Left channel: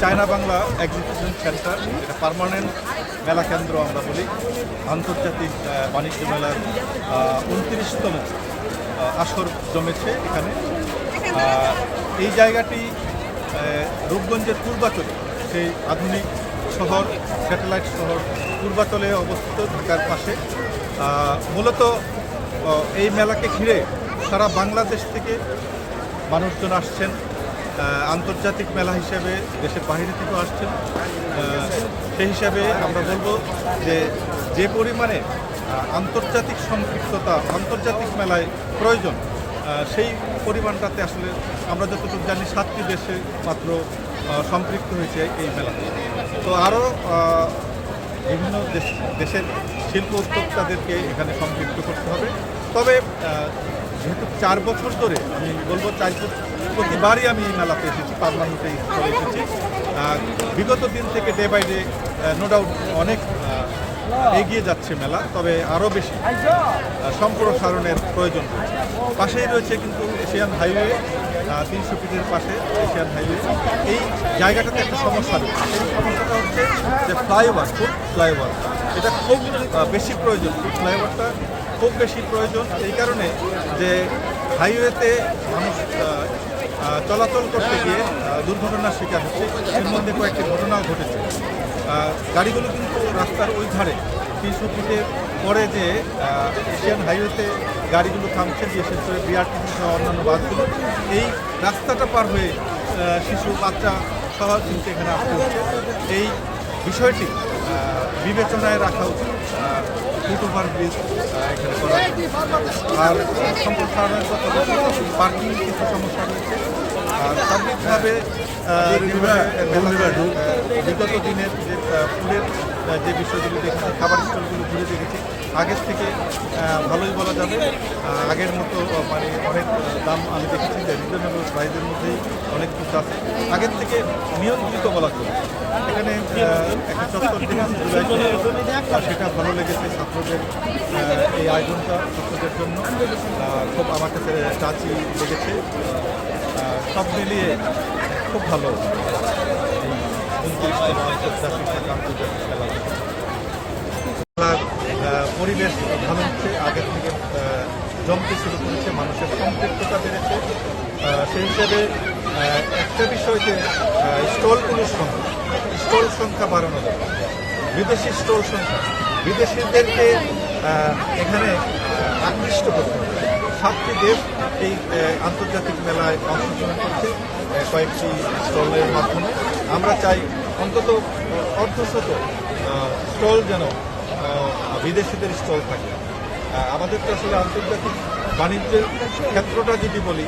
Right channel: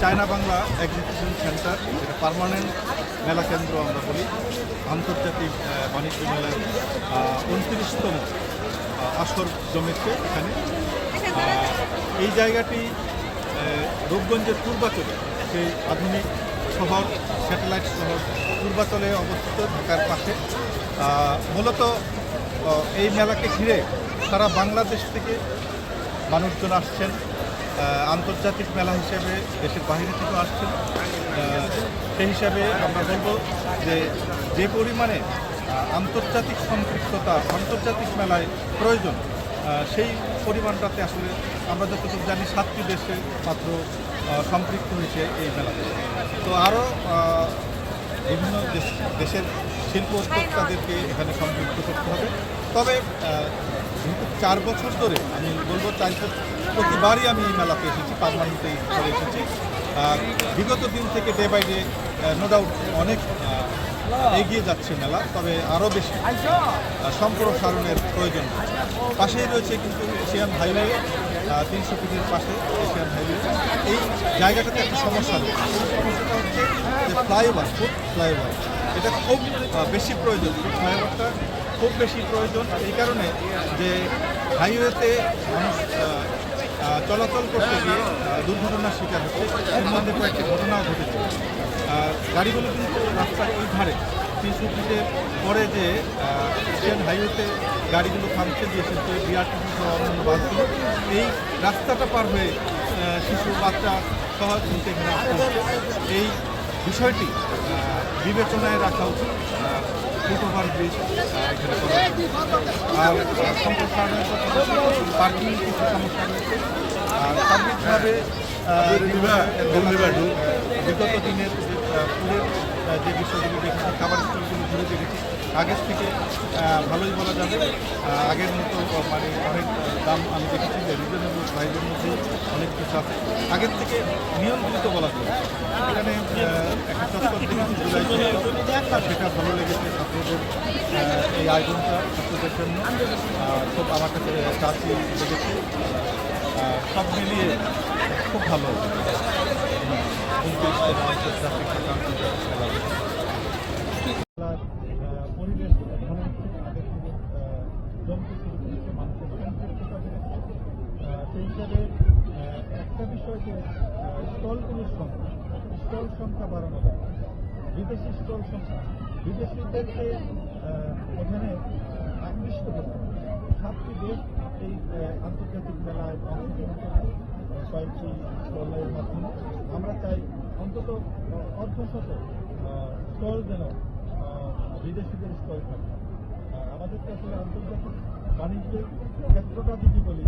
China Bangla exhibition centre এটা permanent মেলা কেন্দ্র আমরা বলি। আন্তর্জাতিক বাণিজ্য মেলার উনত্রিশতম আসর জমেছে এখানে। এই জায়গাটি রূপগঞ্জের পূর্বাচলে, সেই আধুনিক শহর স্যাটেলাইট শহর পূর্বাচলে অবস্থিত, ঢাকার পাশে। মূলত এই মেলাকে ঘিরে সারা বাংলাদেশ থেকে মানুষজন আসছেন। আন্তর্জাতিক মেলা হিসেবে দেশের বাইরে থেকেও আসছেন। সেই হিসাবে আমরা বলব যে যে পরিমাণে আন্তর্জাতিক সম্পৃক্ততা, আন্তর্জাতিক মেলায় প্রয়োজন সেই পরিমাণটাতে আসলে আমরা যতটুকু জানি সাতটি দেশে মাত্র সম্পৃক্ত হয়েছে এই মেলাতে। তো আরও বিভিন্ন দেশ, দেশের শিল্প উদ্যোক্তাদেরকে এখানে সম্পৃক্ত করতে হবে। তবে যেহেতু চার বছর ধরে, আমি বলব চার প্রতিবারই আমি এই মেলাতে এসেছি, পারমানেন্টে করে এসেছি। বিগত দিন থেকে day by day no doubt অনেক এগিয়ে যাচ্ছে মেলা, তবে আরও বেশি সম্প্রসারণের প্রয়োজন পাশেই রয়েছে কিন্তু এশিয়ান হাইওয়ে তিনশো ফিটের পাশে এশিয়ান হাইওয়ে। এই জায়গাটাতে একটা সমস্যা রয়েছে। এই সমস্যাটা হচ্ছে যে ফ্লাইওভার ফুট ফ্লাইওভার, এটা খুব বেশি প্রয়োজন। ফ্লাইওভারটা খুব বেশি প্রয়োজন, এই কারণে যে হাইওয়েতে মানুষ চলাচল করতে গিয়ে দুর্ঘটনার শিকার হচ্ছে। এর মধ্যে কয়েকটি ঘটনাও ঘটেছে। গাড়িগুলো কিন্তু রাস্তার ওই ধারে, তিনশো ফিটের পরে যে এশিয়ান হাইওয়েতে গাড়িগুলো থামছে বিশেষ করে বিআরটিসি সহ অন্যান্য বাসগুলো, এই রাস্তাটা পার হয়ে শিশু, বাচ্চা সহ কিন্তু এখানে আসতে হচ্ছে। এই বিষয়টি বিবেচনায় রাখা উচিত। ফুট ওভার ব্রিজ এখানে করা। আর সম্প্রসারণের কথা বলতে পার্কিং কিছু সমস্যা রয়েছে আর সার্বিকভাবে বিগত দিনের যে ফুলের যে বিষয়গুলো দেখেছি, খাবার স্টলগুলো ঘুরে দেখেছি আগের থেকে ভালোই বলা যাবে। আগের মতো মানে অনেক দাম আমি দেখেছি যে রিজনেবল প্রাইসের মধ্যেই অনেক কিছু আছে। আগের থেকে নিয়ন্ত্রিত বলা চলে এখানে একটা চত্বর দেখেছি জুলাই চত্বর। সেটা ভালো লেগেছে ছাত্রদের এই আয়োজনটা ছাত্রদের জন্য। খুব আমার কাছে চাচি লেগেছে। সব মিলিয়ে খুব ভালো। উনত্রিশতম আন্তর্জাতিক ঢাকা আন্তর্জাতিক আহ, পরিবেশ ভালো হচ্ছে, আগের থেকে জমতে শুরু করেছে, মানুষের সম্পৃক্ততা বেড়েছে। সেই হিসাবে একটা বিষয় যে স্টলগুলোর সংখ্যা, স্টল সংখ্যা বাড়ানো দরকার বিদেশি স্টল সংখ্যা, বিদেশিদেরকে এখানে আকৃষ্ট করতে সাতটি দেশ এই আন্তর্জাতিক মেলায় অংশগ্রহণ করছে কয়েকটি স্টলের মাধ্যমে। আমরা চাই অন্তত অর্ধশত স্টল যেন বিদেশিদের স্টল থাকে। আমাদের তো আসলে আন্তর্জাতিক বাণিজ্যের ক্ষেত্রটা যদি বলি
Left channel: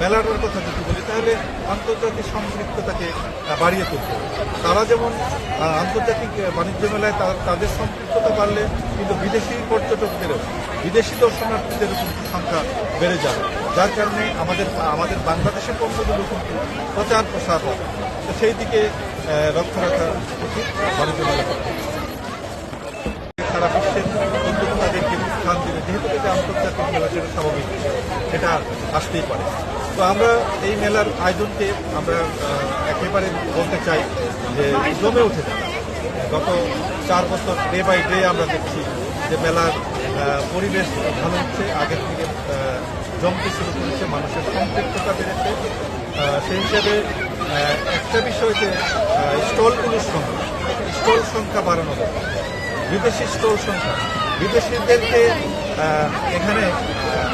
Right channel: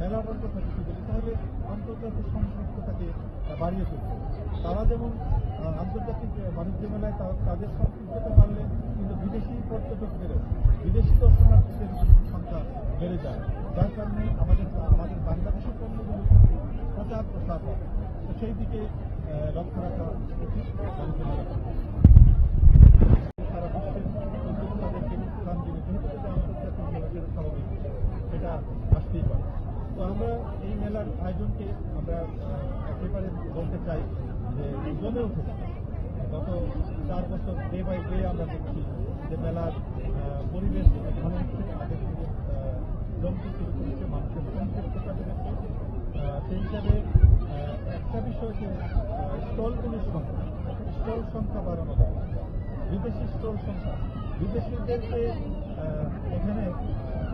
মেলাটার কথা যদি বলি, তাহলে আন্তর্জাতিক সম্পৃক্ততাকে বাড়িয়ে তুলতে তারা যেমন আন্তর্জাতিক বাণিজ্য মেলায় তাদের সম্পৃক্ততা বাড়লে কিন্তু বিদেশি পর্যটকদেরও, বিদেশি দর্শনার্থীদেরও কিন্তু সংখ্যা বেড়ে যাবে। যার কারণে আমাদের আমাদের বাংলাদেশের পণ্যগুলো প্রচার প্রসার হবে। সেই দিকে লক্ষ্য রাখা উচিত বাণিজ্য মেলা করতে সারা বিশ্বের উদ্যোক্তাদেরকে স্থান দিলে যেহেতু এটা আন্তর্জাতিক মেলা সেটা স্বাভাবিক সেটা আসতেই পারে। তো আমরা এই মেলার আয়োজনকে আমরা একেবারে বলতে চাই যে জমে উঠেছে গত চার বছর ডে বাই ডে আমরা দেখছি যে মেলার পরিবেশ ভালো হচ্ছে, আগের থেকে জমতে শুরু করেছে, মানুষের সম্পৃক্ততা বেড়েছে। সেই হিসাবে একটা বিষয় যে স্টলগুলোর সংখ্যা, স্টল সংখ্যা বাড়ানো বিদেশি স্টল সংখ্যা, বিদেশিদেরকে এখানে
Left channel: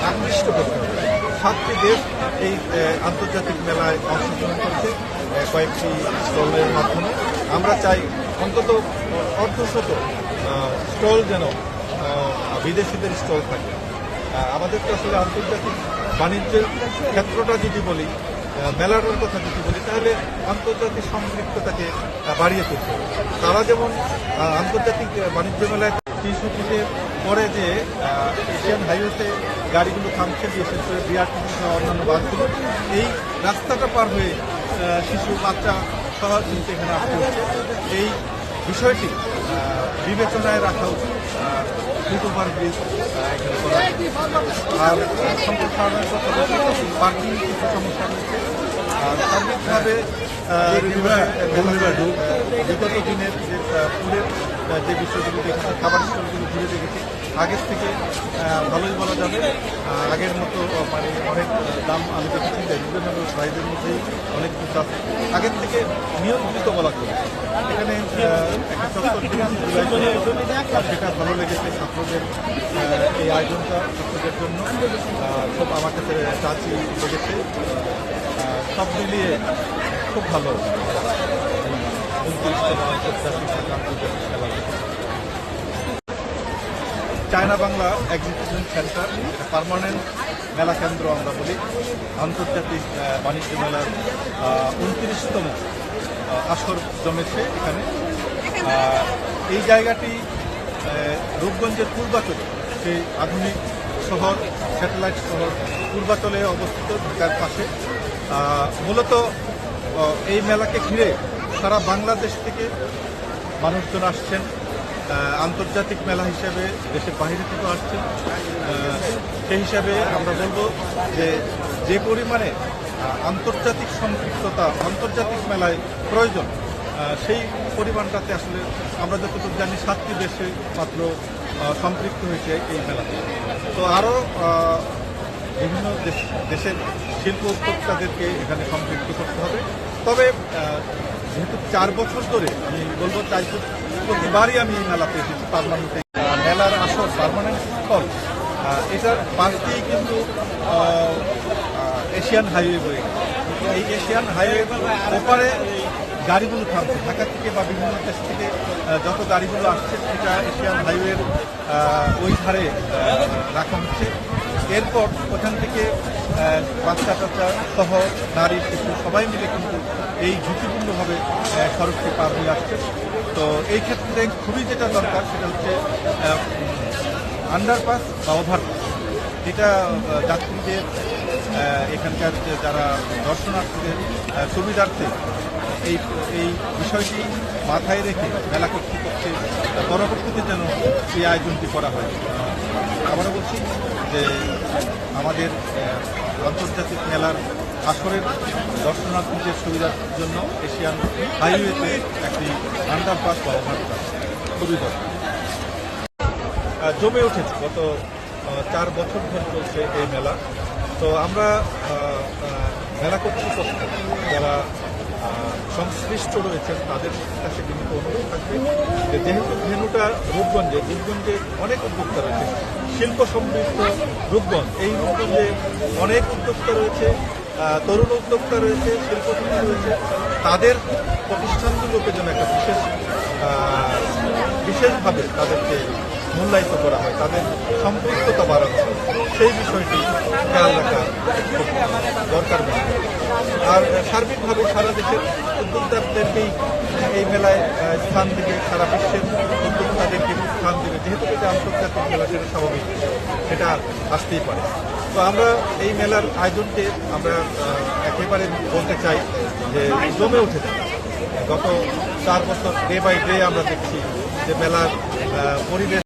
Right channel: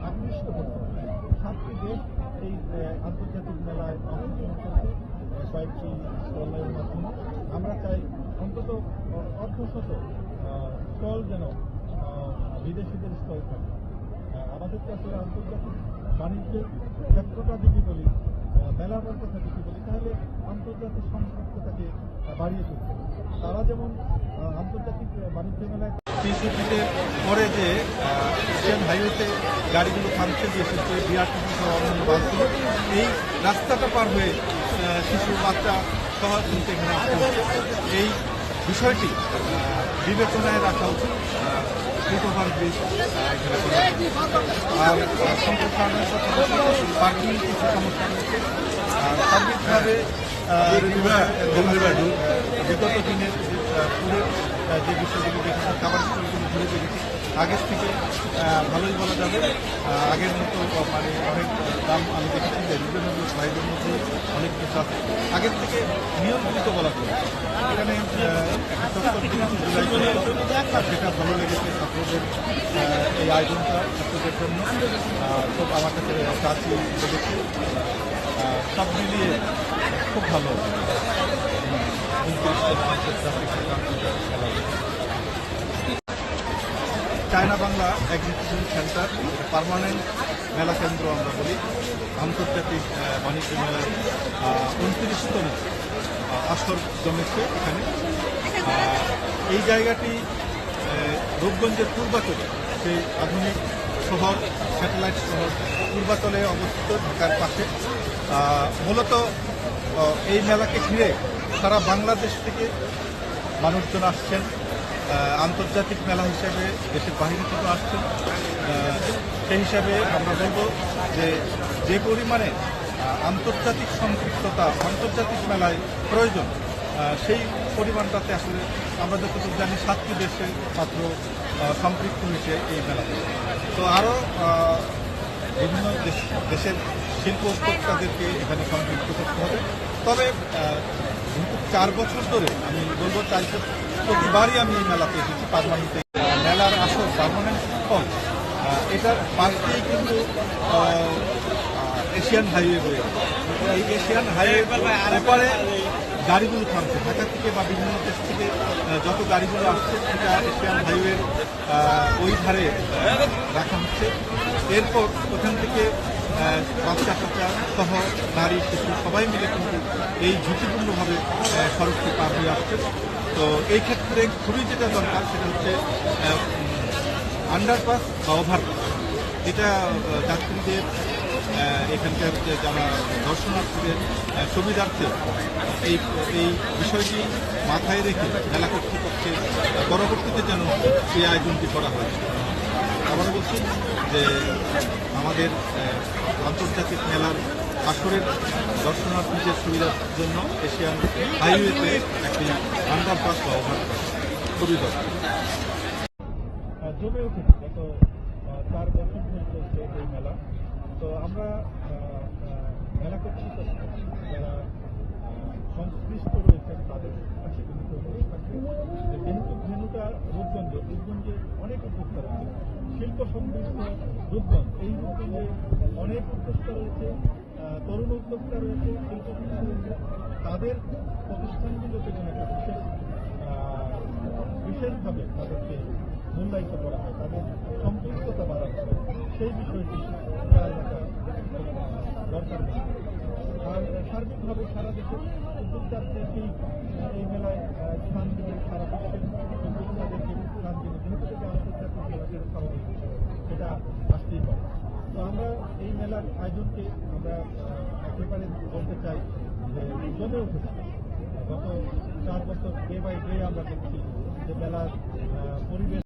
আকৃষ্ট করতে হবে। সাতটি দেশ এই আন্তর্জাতিক মেলায় অংশগ্রহণ করছে কয়েকটি স্টলের মাধ্যমে। আমরা চাই অন্তত অর্ধশত স্টল যেন বিদেশিদের স্টল থাকে। আহ, আমাদের তো আসলে আন্তর্জাতিক বাণিজ্যের ক্ষেত্রটা যদি বলি আহ, মেলাটার কথা যদি বলি তাহলে আন্তর্জাতিক সম্পৃক্ততাকে বাড়িয়ে তুলতে তারা যেমন আন্তর্জাতিক বাণিজ্য মেলায় ফিটের পরে যে এশিয়ান হাইওয়েতে গাড়িগুলো থামছে, বিশেষ করে বিআরটিসি সহ অন্যান্য বাসগুলো, এই রাস্তাটা পার হয়ে শিশু, বাচ্চা সহ কিন্তু এখানে আসতে হচ্ছে এই বিষয়টি বিবেচনায় রাখা উচিত ফুট ওভার ব্রিজ এখানে করা। আর সম্প্রসারণের কথা বলছি পার্কিং কিছু সমস্যা রয়েছে সার্বিকভাবে বিগত দিনের যে আহ, যে বিষয়গুলি দেখেছি খাবার স্টলগুলো ঘুরে দেখেছি আগের থেকে ভালোই বলা যাবে। আগের মতো মানে অনেক দাম আমি দেখেছি যে রিজনেবল প্রাইসের মধ্যেই অনেক কিছু আছে। আগের থেকে নিয়ন্ত্রিত বলা চলে এখানে একটা চত্বর দেখেছি জুলাই চত্বর। সেটা ভালো লেগেছে ছাত্রদের এই আয়োজনটা ছাত্রদের জন্য। খুব আমার কাছে চাচি লেগেছে। সব মিলিয়ে খুব ভালো। আন্তর্জাতিক আন্তর্জাতিক খেলা চায়না বাংলা এক্সিবিশন সেন্টার এটা পার্মানেন্ট মেলা কেন্দ্র আমরা বলি। আন্তর্জাতিক বাণিজ্য মেলার উনত্রিশতম আসর জমেছে এখানে। এই জায়গাটি রূপগঞ্জের পূর্বাচলে সেই আধুনিক শহর স্যাটেলাইট শহর পূর্বাচলে অবস্থিত ঢাকার পাশে। মূলত এই মেলাকে ঘিরে সারা বাংলাদেশ থেকে মানুষজন আসছেন। আন্তর্জাতিক মেলা হিসেবে দেশের বাইরে থেকেও আসছেন। সেই হিসাবে আমরা বলব যে যে পরিমাণে আন্তর্জাতিক সম্পৃক্ততা আন্তর্জাতিক মেলায় প্রয়োজন সেই পরিমাণটাতে আসলে আমরা যতটুকু জানি সাতটি দেশে মাত্র সম্পৃক্ত হয়েছে এই মেলাতে। তো আরও বিভিন্ন দেশ- দেশের শিল্প উদ্যোক্তাদেরকে এখানে সম্পৃক্ত করতে হবে। তবে যেহেতু চার বছর ধরে, আমি বলব চার প্রতিবারই আমি এই মেলাতে এসেছি, পার্মানেন্টে। মেলার আসর, পার্মানেন্ট স্থল এটার পাশ দিয়েই কিন্তু এশিয়ান হাইওয়ে বয়ে। এই এশিয়ান হাইওয়ে ওপারে গাড়িগুলো থামছে। ঢাকা থেকে বা বিভিন্ন দেশ থেকে যত গাড়িগুলো আসছে, সেটা এশিয়ান হাইওয়ের ওই ধারে রাখা হচ্ছে। এরপর ওখান থেকে বাচ্চা টাচ্চা সহ নারী শিশু সবাই মিলে কিন্তু এই ঝুঁকিপূর্ণভাবে সড়কটি পার হয়ে আসছে। তো এই ক্ষেত্রে খুবই যেটা দরকার, সেটা হচ্ছে আন্ডারপাস বা ওভারপাস এটা যাত্রীদের এখানকার যারা দর্শনার্থীদের সুবিধার্থে এই এই বিষয়টি মাথায় রেখে মেলা কর্তৃপক্ষের পরবর্তীতে যেন এই আয়োজনটি করা হয়। আবারও বলছি যে আমাদের আন্তর্জাতিক মেলার আসরের দর্শনার্থীদের সুবিধার জন্য এশিয়ান হাইওয়েতে একটি আন্ডারপাস বা ওভারপাস খুবই দরকার। জমে উঠেছে। গত চার বছর ধরে চলছে এই মেলা। তো আমরা মেলা কর্তৃপক্ষ, যারা সংশ্লিষ্ট রয়েছেন, তাদের কাছে কিন্তু অনুরোধ থাকবে যে যেহেতু ভেনুটা রূপগঞ্জে রূপগঞ্জে অনেক উদ্যোক্তা রয়েছে, শিল্প সমৃদ্ধ রূপগঞ্জ, এই রূপগঞ্জে অনেক উদ্যোক্তা রয়েছে তরুণ উদ্যোক্তা রয়েছে শিল্পপতি রয়েছে, তাদের প্রতিষ্ঠানগুলোকে যেন একটা বিশেষ বিশেষভাবে তাদেরকে মূল্যায়িত করা হয়, তাদের সম্পৃক্ততা হয়। সেই বিষয়টি খেয়াল রাখা দরকার আর সার্বিকভাবে সারা দেশের উদ্যোক্তাদেরকেই এই মেলায় স্থান দেবে, সারা বিশ্বের উদ্যোক্তাদেরকে স্থান দেবে। যেহেতু এটা আন্তর্জাতিক মেলা, সেটা স্বাভাবিক, সেটা আসতেই পারে। তো আমরা এই মেলার আয়োজনকে আমরা একেবারে বলতে চাই যে জমে উঠেছে গত চার বছর ডে বাই ডে আমরা দেখছি যে মেলার পরিবেশ